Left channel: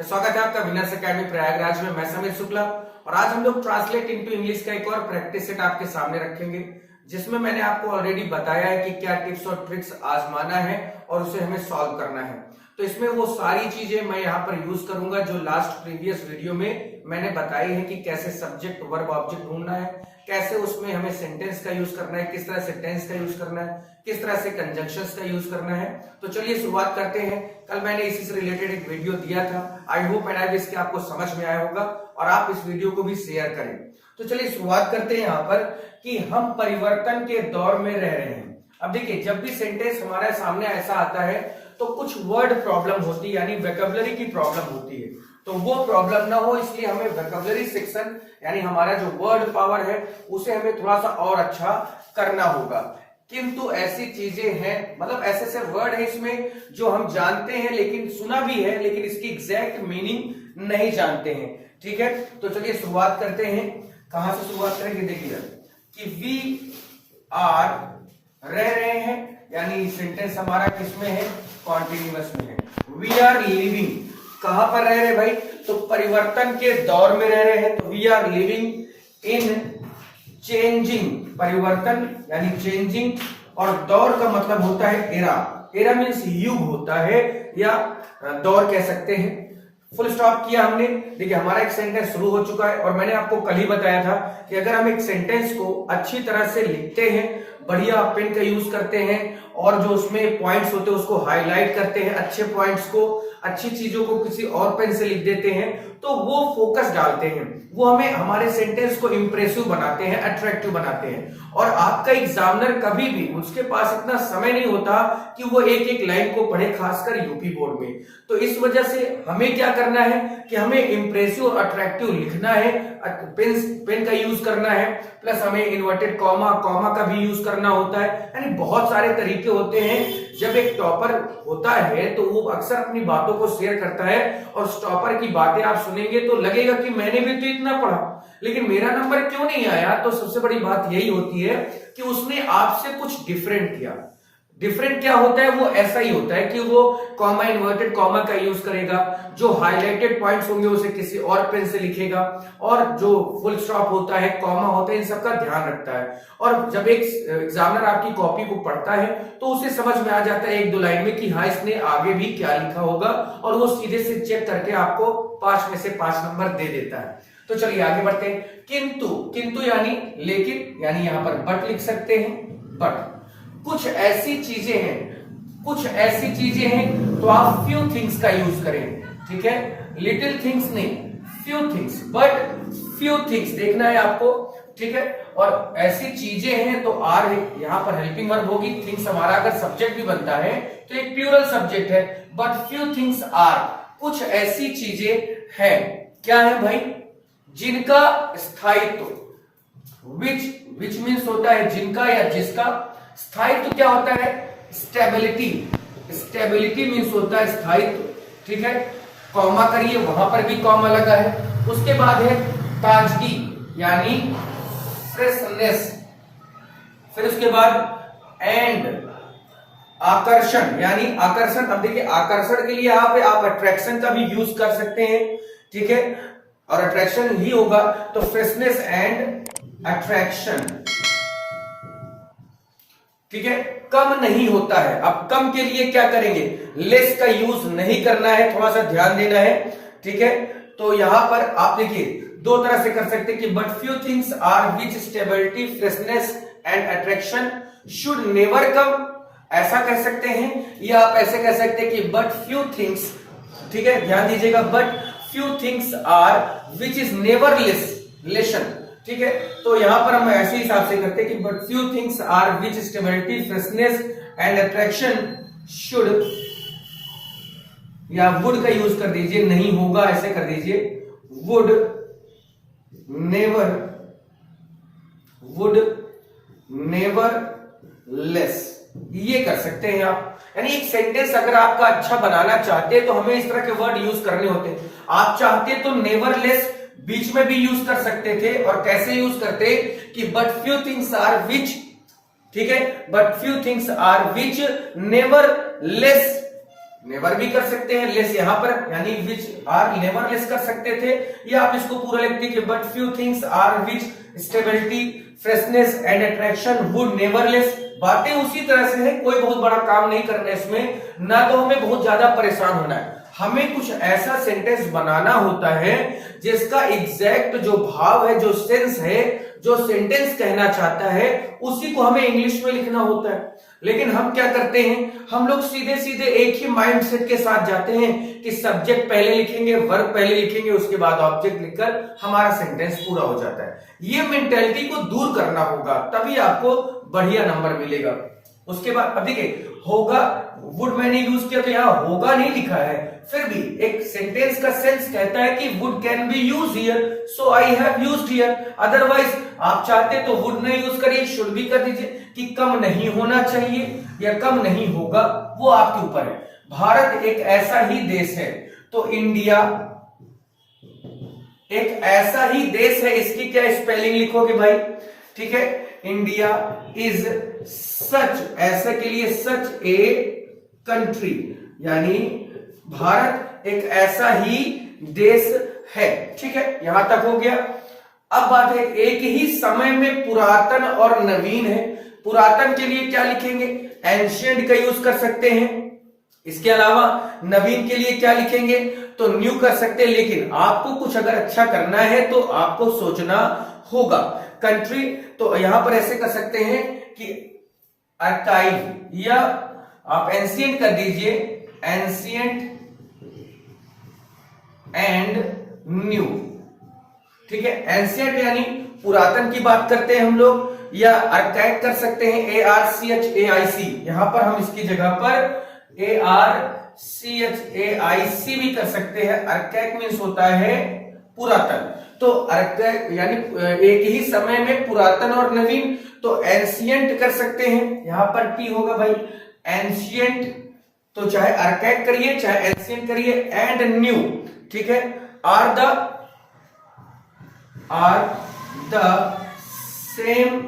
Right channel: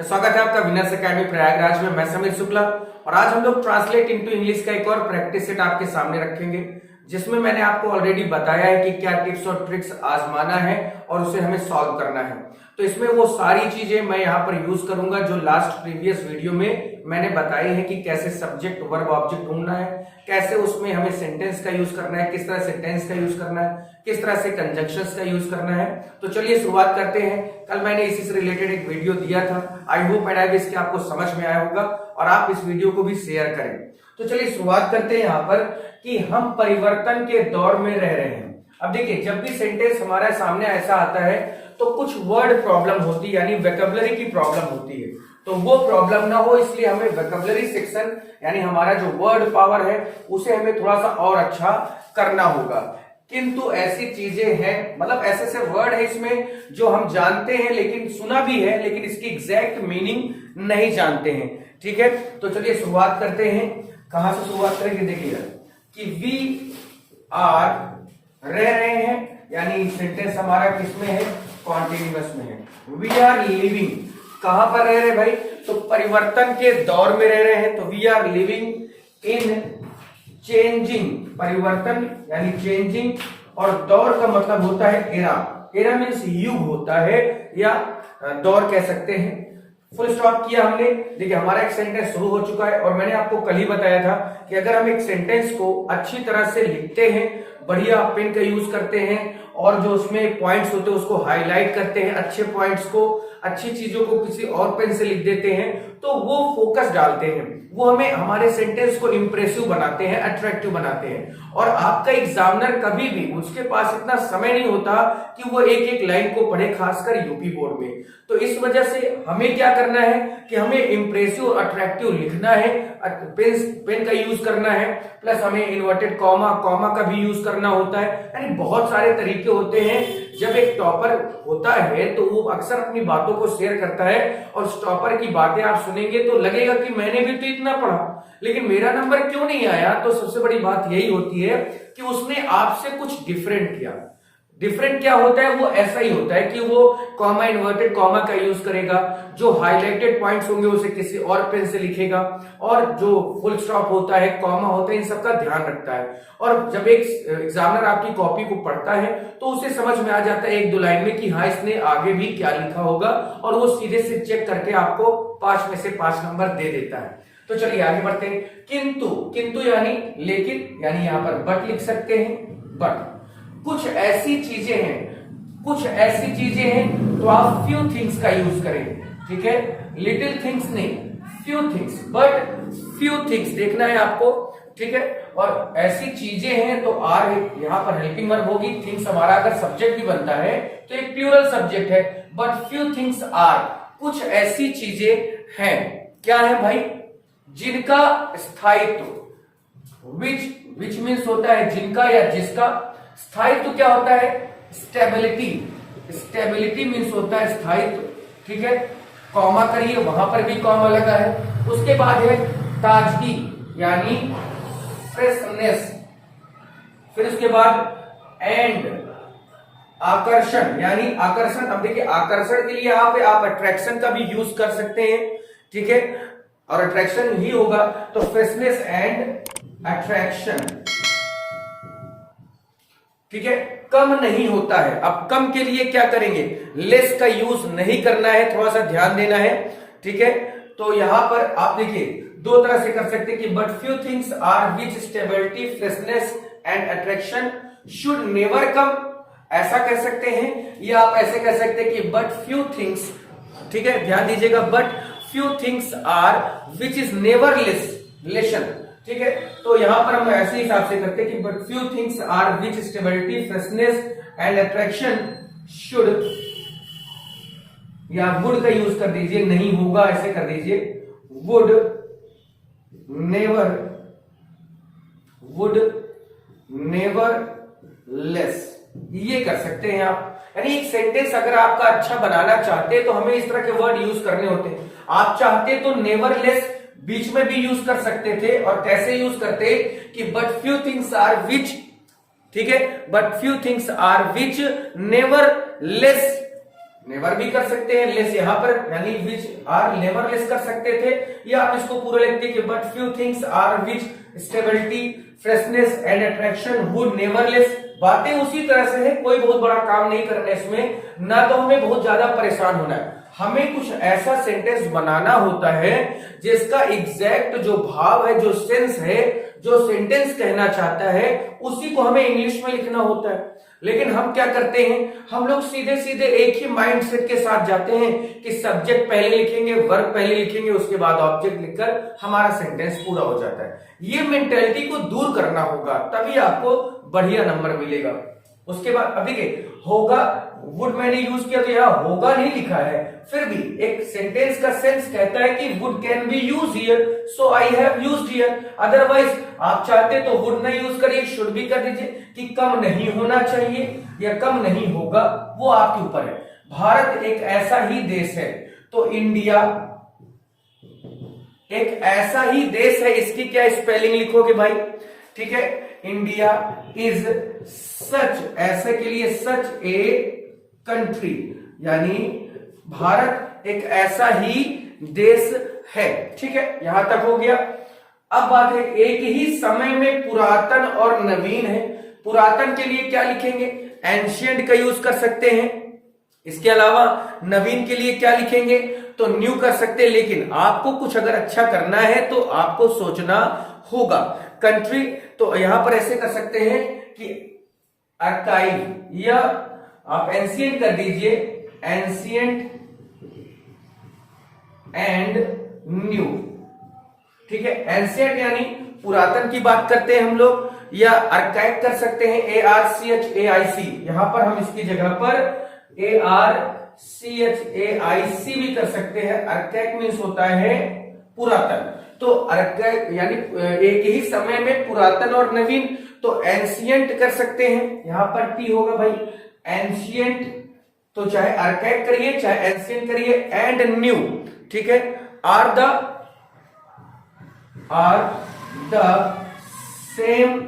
तो स्वागत है आपका विनर्स अकेडमी प्रयागराज में। मैं समीर शुक्ला और आज हम लोग ट्रांसलेट इनटू इंग्लिश का एक और प्रैक्टिस सेट आपके सामने रखेंगे, जिसमें मैंने आपको ऑलरेडी बताया है कि क्या टिप्स और ट्रिक्स आजमाना है और उसे हमें सॉल्व करना है। तो इसमें वो सारी चीजें मैं यहाँ पर यूज करूंगा जो लास्ट प्रीवियस वीडियो में मैंने बताई है कि कैसे सब्जेक्ट वर्ब ऑब्जेक्ट ढूंढना है, कैसे उसमें हमें सेंटेंस का यूज करना है, किस तरह से टेंस का यूज करना है, किस तरह से कंजंक्शंस का यूज करना है। तो चलिए शुरुआत करते हैं। कल मैंने इसी से रिलेटेड एक वीडियो दिया था। I hope and I wish कि आपको समझ में आया होगा और आप इस वीडियो को भी शेयर करें। तो चलिए शुरुआत करते हैं यहाँ पर कि हम परिवर्तन के दौर में रह रहे हैं। अब देखिए, जब भी सेंटेंस हमारे सामने ऐसा आता है तो कुछ वर्ड प्रॉब्लम होती है, यानी वोकैबुलरी की प्रॉब्लम होती है। तो वो प्रॉब्लम ना हो इसलिए हमें वोकैबुलरी सेक्शन यानी हमारा जो वर्ड पावर है उसे हमें थोड़ा सा और अच्छा करना होगा। किंतु ऐसी चीजें हैं, मतलब ऐसे ऐसे वर्ड है इसमें जो हम जानते हैं, लेकिन सुना भी है, लेकिन इसकी एग्जैक्ट मीनिंग नहीं जानते हैं। ठीक है, तो चलिए शुरुआत करते हैं। कहां से शुरुआत करेंगे? देखिएगा कि वी आर रह रहे हैं, यानी सेंटेंस हमारा किसमें है? कॉन्टिन्यूअस में है। वी आर लिविंग, कहां पर रह रहे भाई? तो परिवर्तन के दौर में रह रहे हैं। तो we are living in changing, परिवर्तन यानी चेंजिंग, और दौर का मतलब होता है एरा। एरा मीन्स युग होता है या दौर कह सकते हैं। फुल स्टॉप किया हमने। देखिए, हमारा एक सेंटेंस शुरू हो चुका है और मैंने आपको कल ही बताया था कि अगर हम एक सेंटेंस को अच्छी तरह से लिखते हैं, बढ़िया पेन का यूज करते हैं और जो उसमें पॉइंट्स होते हैं उसको हाईलाइट करते हैं, अच्छे पॉइंट्स को, अच्छी चीजों को किसी और पेन से लिख देते हैं, तो वो फोकस डालते हैं, वो हमें हमारे सेंटेंस को इंप्रेसिव बनाते हैं, अट्रैक्टिव बनाते हैं। और आपका एग्जामिनर कभी भी, उसके पास इतना समय नहीं होता कि वो एक एक लाइन को पढ़े, खासकर यूपी बोर्ड में। तो इस वजह से हमें क्या करना है कि हमें इंप्रेसिव और अट्रैक्टिव लिखना है, पेन का यूज करना है, प्लस हमें इन्वर्टेड कॉमा का भी यूज करना होता है। यानी बहुत सारे तरीके होते हैं। जब एक टॉपर होता है तो वो अक्सर अपनी बातों को शेयर करता है और उस टॉपर की बातें आप सुनेंगे तो लगेगा कि मैंने भी तो इतना पढ़ा, लेकिन मेरा नंबर क्यों नहीं आया। तो सबसे बड़ी बात यही होती है कि उसने आपसे कुछ डिफरेंट किया। डिफरेंट क्या होता है? वो ऐसा ही होता है कि वो कॉमा, इन्वर्टेड कॉमा का यूज करेगा, जो हाईलाइटेड पॉइंट्स होंगे उसे किसी और पेन से लिखेगा, और जो फुल स्टॉप होता है, कॉमा होता है, इन सबका ध्यान रखता है। और जब एक एग्जामिनर आपकी कॉपी को पढ़ता है तो उसे समझ में आ जाता है एक दो लाइन में कि हाँ, इसने आगे भी क्या लिखा होगा, और वो सीधे से चेक करके आपको 5 में से 5 नंबर दे देता है। तो चलिए आगे बढ़ते हैं। किंतु यानी लेकिन, यानी यहां पर बट लिख सकते हैं। बट कुछ ऐसी चीजें हैं तो आप फ्यू थिंग्स का यूज करें। ठीक है, लिटिल थिंग्स नहीं, few things, but few things देखना है आपको। ठीक है, और ऐसी चीजें हैं तो आर है, यहां पर हेल्पिंग वर्ब होगी। थिंग्स हमारा अगर सब्जेक्ट भी बनता है तो एक प्लूरल सब्जेक्ट है। बट फ्यू थिंग्स आर, कुछ ऐसी चीजें हैं। क्या है भाई? जिनका स्थायित्व, विच मीन्स होता है जिनका या जिसका। स्थायित्व क्या होता है? स्टेबिलिटी मीन्स होता है स्थायित्व। ठीक है, कॉमा करिए, वहां पर भी कॉमा लगा है। उसके बाद है ताजगी यानी फ्रेशनेस। फिर उसके बाद एंड आकर्षण यानी आकर्षण। अब देखिए, आकर्षण के लिए आप अट्रैक्शन का भी यूज कर सकते हैं। ठीक है, और अट्रैक्शन ही होगा तो फ्रेशनेस एंड अट्रैक्शन। ठीक है, कम नहीं होता है। अब कम के लिए क्या करेंगे? लेस का यूज नहीं करना है, थोड़ा सा ध्यान देना है। ठीक है, तो यहां पर आप देखिए दो तरह से कर सकते हैं कि but few things are which stability, freshness and attraction should never come, ऐसा कह सकते हैं। या आप ऐसे कह सकते हैं कि बट फ्यू थिंग्स, ठीक है, ध्यान दीजिएगा, but few things are which is never lesson. ठीक है, तो यहां पर हम ऐसे हिसाब से करते हैं कि but few things are which stability, freshness and attraction should, या वुड का यूज कर दीजिए, नहीं होगा ऐसे कर दीजिए, वुड नेवर लेस, ये कर सकते हैं आप। यानी एक सेंटेंस अगर आपका अच्छा बनाना चाहते हैं तो हमें इस तरह के वर्ड यूज करने होते हैं। आप चाहते तो नेवर लेस बीच में भी यूज कर सकते थे, और कैसे यूज करते कि but few things are which, ठीक है, but few things are which nevertheless never भी कर सकते हैं, लेस यहां पर यानी विच आर नेवर लेस कर सकते थे, या आप इसको पूरा लिखते कि but few things are which stability freshness and attraction would never less. बातें उसी तरह से है, कोई बहुत बड़ा काम नहीं करना है इसमें, ना तो हमें बहुत ज्यादा परेशान होना है। हमें कुछ ऐसा सेंटेंस बनाना होता है जिसका एग्जैक्ट जो भाव है, जो सेंस है, जो सेंटेंस कहना चाहता है, उसी को हमें इंग्लिश में लिखना होता है। लेकिन हम क्या करते हैं, हम लोग सीधे सीधे एक ही माइंडसेट के साथ जाते हैं कि सब्जेक्ट पहले लिखेंगे, वर्ब पहले लिखेंगे, उसके बाद ऑब्जेक्ट लिखकर हमारा सेंटेंस पूरा हो जाता है। ये मेंटेलिटी को दूर करना होगा, तभी आपको बढ़िया नंबर मिलेगा। उसके बाद अब देखिए, होगा वुड मैंने यूज किया तो यहां होगा नहीं लिखा है, फिर भी एक सेंटेंस का सेंस कहता है कि would can be use here, so I have used here. Otherwise आप चाहते तो वुड नहीं यूज करिए, शुड भी कर दीजिए कि कम नहीं होना चाहिए या कम नहीं होगा, वो आपके ऊपर है। भारत एक ऐसा ही देश है, तो इंडिया एक ऐसा ही देश है, इसकी क्या स्पेलिंग लिखोगे भाई, ठीक है। इंडिया इज सच, ऐसा के लिए सच ए कंट्री, यानी भारत एक ऐसा ही देश है, ठीक है। यहां तक हो गया। अब बात है, एक ही समय में पुरातन और नवीन है। पुरातन के लिए क्या लिखेंगे, एंशिएंट का यूज कर सकते हैं। इसके अलावा नवीन के लिए क्या लिखेंगे, तो न्यू कर सकते हैं। लेकिन आपको कुछ अगर अच्छा करना है तो आपको सोचना होगा। कंट्री तो यहां पर ऐसे कर सकते हैं कि आर्काइव, या आप एंशिएंट कर दीजिए, एंशिएंट एंड न्यू, ठीक है। एंशिएंट यानी पुरातन की बात करते हैं हम लोग, या आर्काइव कर सकते हैं, ARCHAIC, यहां पर हम इसकी जगह पर ARCHAIC भी कर सकते हैं। आर्काइव मीन्स होता है पुरातन, तो आर्काइव यानी एक ही समय में पुरातन और नवीन, तो एंशिएंट कर सकते हैं, यहां पर टी होगा भाई, एंशिएंट, तो चाहे आर्काइव करिए चाहे एंशिएंट करिए, एंड न्यू, ठीक है। आर द सेम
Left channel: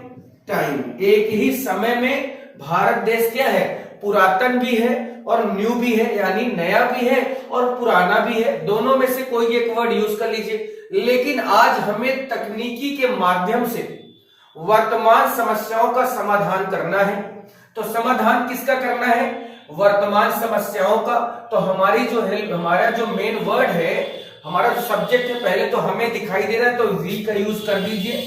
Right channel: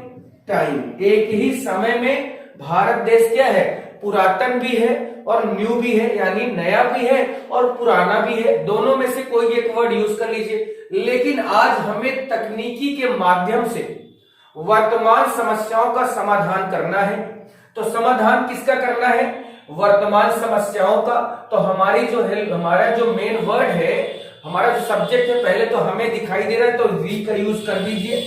टाइम, एक ही समय में भारत देश क्या है, पुरातन भी है और न्यू भी है, यानी नया भी है और पुराना भी है, दोनों में से कोई एक वर्ड यूज कर लीजिए। लेकिन आज हमें तकनीकी के माध्यम से वर्तमान समस्याओं का समाधान करना है। तो समाधान किसका करना है, वर्तमान समस्याओं का। तो हमारी जो हमारा जो मेन वर्ड है, हमारा जो सब्जेक्ट है, पहले तो हमें दिखाई दे रहा है तो वी का यूज कर दीजिए।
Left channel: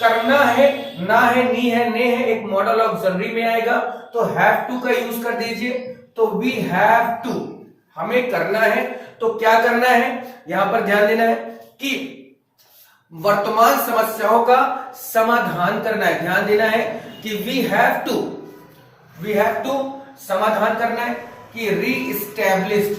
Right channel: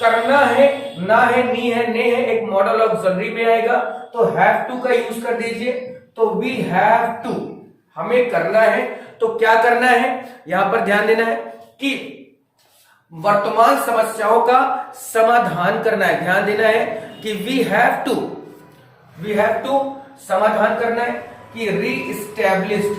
करना है, ना है, नी है, ने है, एक मॉडल ऑक्सिलरी में आएगा, तो हैव टू का यूज कर दीजिए। तो वी हैव टू, हमें करना है, तो क्या करना है, यहां पर ध्यान देना है कि वर्तमान समस्याओं का समाधान करना है। ध्यान देना है कि वी हैव टू समाधान करना है कि रीइस्टैब्लिश्ड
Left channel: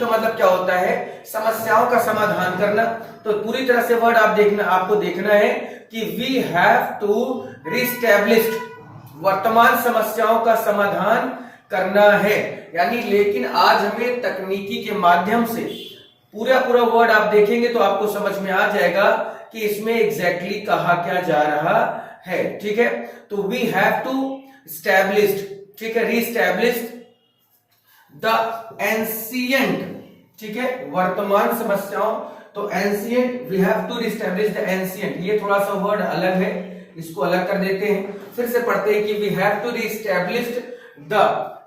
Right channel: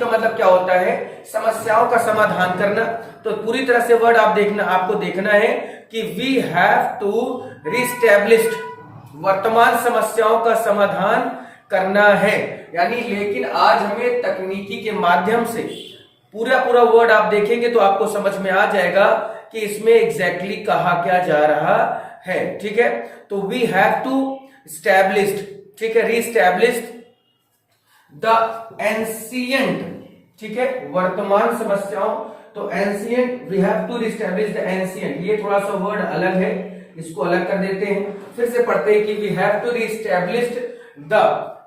का मतलब क्या होता है, समस्याओं का समाधान करना। तो पूरी तरह से वर्ड आपको देखना है कि वी हैव टू रीस्टैब्लिश्ड, वर्तमान समस्याओं का समाधान करना है, यानी। लेकिन आज हमें तकनीकी के माध्यम से पूरा वर्ड आप देखेंगे तो आपको समझ में आ जाएगा कि इसमें एग्जैक्टली कहा क्या जा रहा है, ठीक है। तो वी हैव टू स्टैब्लिश्ड, ठीक है, रीस्टैब्लिश्ड द एंशिएंट, ठीक है, वर्तमान समस्याओं। तो ancient, we have to reestablish the ancient, ये थोड़ा सा वर्ड अलग है, इसको अलग कर देते हैं। फिर से पढ़ते हैं कि we have to reestablished the,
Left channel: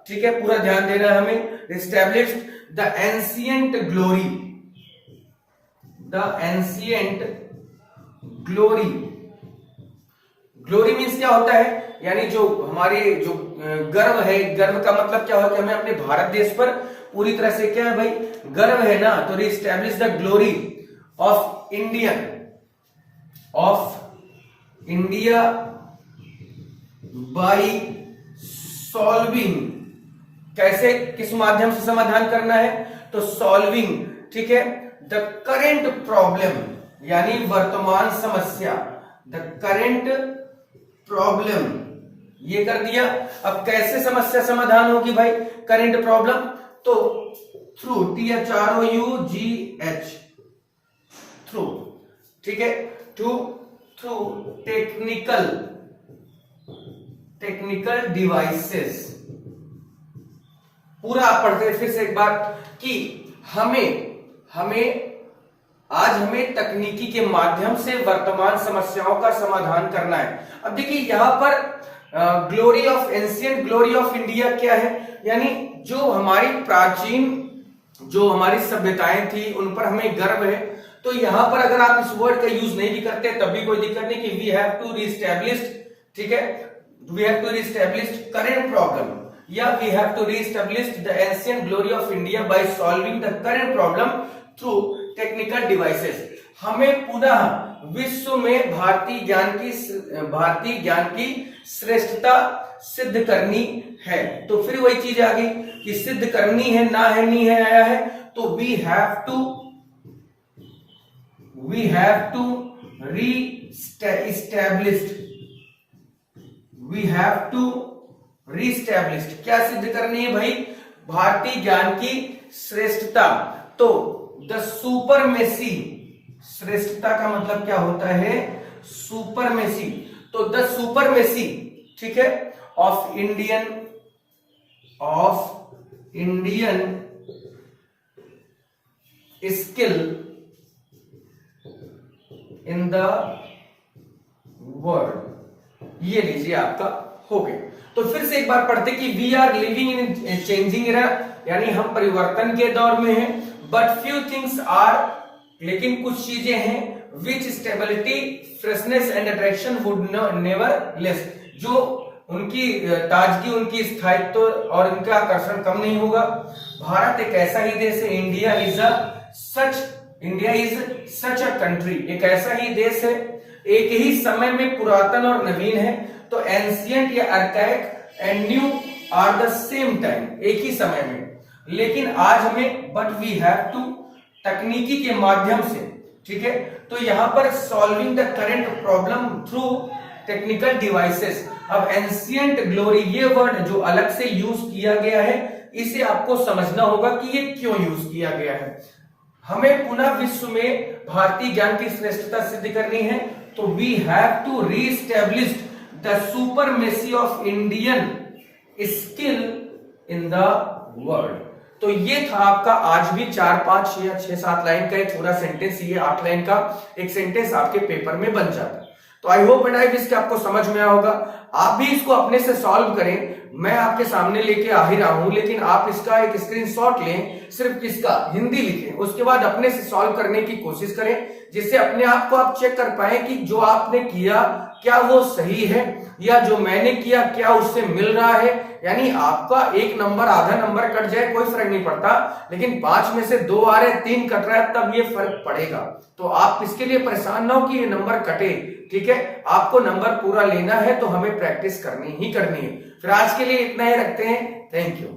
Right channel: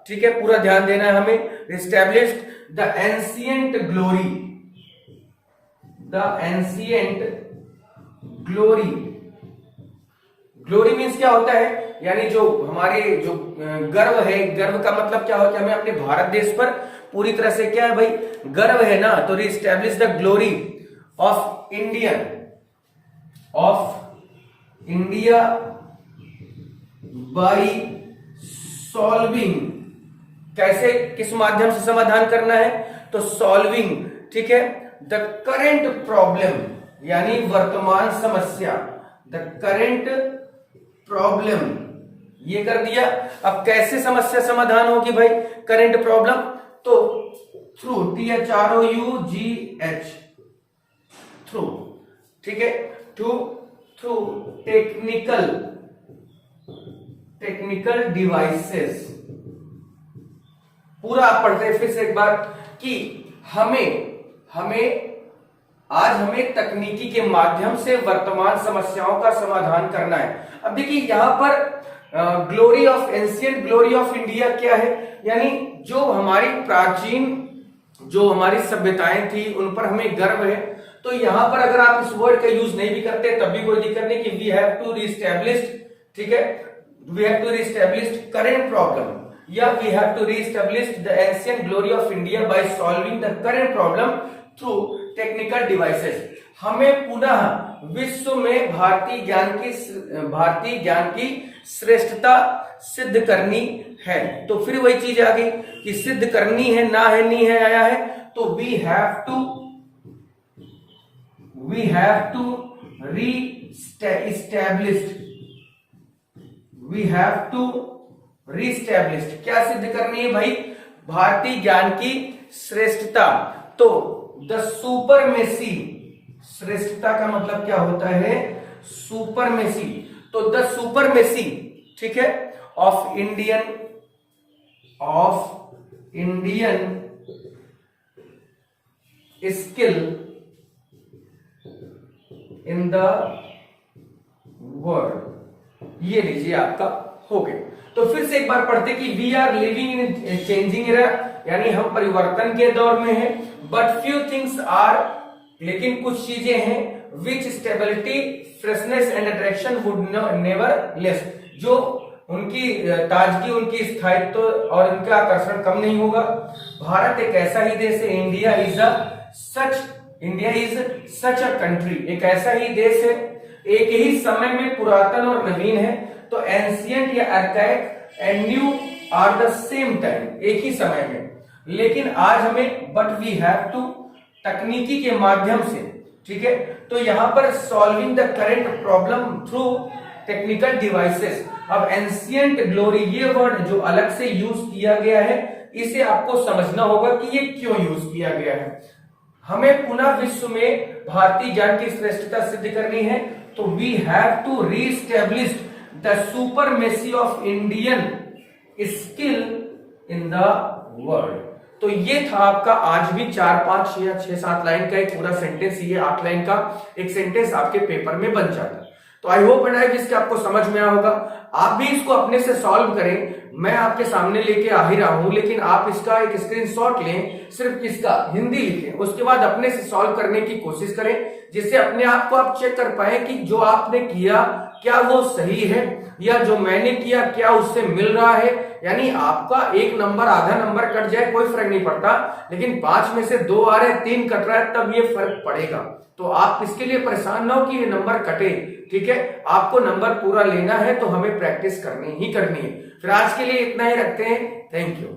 ठीक है, पूरा ध्यान देना है हमें, reestablished the ancient glory, the ancient glory. Glory means क्या होता है, यानी जो हमारे जो गर्व है, गर्व का मतलब क्या होता है, हमें अपने भारत देश पर पूरी तरह से क्या है भाई, गर्व है ना। तो re-establish the glory of India by solving, कैसे, किस माध्यम से समाधान करना है, तो सॉल्विंग, ठीक है, द करेंट प्रॉब्लम, यानी वर्तमान समस्या, द करेंट प्रॉब्लम, ये कर दिया। अब कैसे समस्या समाधान होगी भाई, करेंट प्रॉब्लम, तो थ्रू, THROUGH, थ्रू, ठीक है, थ्रू टेक्निकल डिवाइसेस। पूरा आप पढ़ते हैं फिर से एक बार कि आज हमें तकनीकी के माध्यम से वर्तमान समस्याओं का समाधान करना है। अब देखिए यहां पर glory of ancient glory of India क्या है, यानी जो हमारी प्राचीन जो हमारी सभ्यताएं थी उन पर हमें गर्व है। तो यहां पर अगर आप इस वर्ड का यूज नहीं भी करते तब भी कोई दिक्कत नहीं कि वी हैव टू रीस्टैब्लिश, ठीक है, we have to reestablish current problem या we have to reestablish the ancient glory of India by solving the current problem through technical devices. हमें पुनः विश्व में भारतीय ज्ञान की श्रेष्ठता सिद्ध करनी है। तो फिर वही चीज आ गई कि सिद्ध करनी है, ना है नहीं है आया है, तो वी हैव टू रीस्टैब्लिश्ड। क्या सिद्ध करनी है भाई? भारतीय ज्ञान की श्रेष्ठता। तो द सुपरमेसी, श्रेष्ठता का मतलब क्या होता है? सुपरमेसी। तो द सुपरमेसी, ठीक है, of Indian skill in the world, ये लीजिए आपका हो गया। तो फिर से एक बार पढ़ते कि we are living in changing era, यानी हम परिवर्तन के दौर में हैं। बट फ्यू थिंग्स आर, लेकिन कुछ चीजें हैं, which stability freshness and attraction would never less, जो उनकी ताजगी, उनकी स्थायित्व और उनका आकर्षण कम नहीं होगा। भारत एक ऐसा ही देश है, India is such a country, एक ऐसा ही देश है, एक ही समय में पुरातन और नवीन है। तो एंशिएंट या archaic and new are the same time, एक ही समय में। लेकिन आज हमें बट वी हैव टू, तकनीकी के माध्यम से, ठीक है। तो यहां पर solving the current problem through technical devices. अब एंशिएंट ग्लोरी ये वर्ड जो अलग से यूज किया गया है, इसे आपको समझना होगा कि ये क्यों यूज किया गया है। हमें पुनः विश्व में भारतीय ज्ञान की श्रेष्ठता सिद्ध करनी है, तो we have to reestablish the supremacy of Indian skill in the world. तो ये था आपका आज भी 4, 5 या 6, 7 लाइन का एक पूरा सेंटेंस, ये 8 लाइन का एक सेंटेंस आपके पेपर में बन जाता है। तो I hope and I wish कि आपको समझ में आया होगा। आप भी इसको अपने से सॉल्व करें, मैं आपके सामने लेके आ ही रहा हूं, लेकिन आप इसका एक स्क्रीनशॉट लें, सिर्फ किसका? हिंदी लिखें, उसके बाद अपने से सॉल्व करने की कोशिश करें, जिससे अपने आप को आप चेक कर पाए कि जो आपने किया क्या वो सही है, या जो मैंने किया क्या उससे मिल रहा है। यानी आपका 1 नंबर, आधा नंबर कट जाए कोई फर्क नहीं पड़ता, लेकिन 5 में से 2 आ रहे, 3 कट रहा है, तब ये फर्क पड़ेगा। तो आप इसके लिए परेशान ना हो कि ये नंबर कटे, ठीक है। आपको नंबर पूरा लेना है तो हमें प्रैक्टिस करनी ही करनी है। फिर आज के लिए इतना ही रखते हैं। Thank you.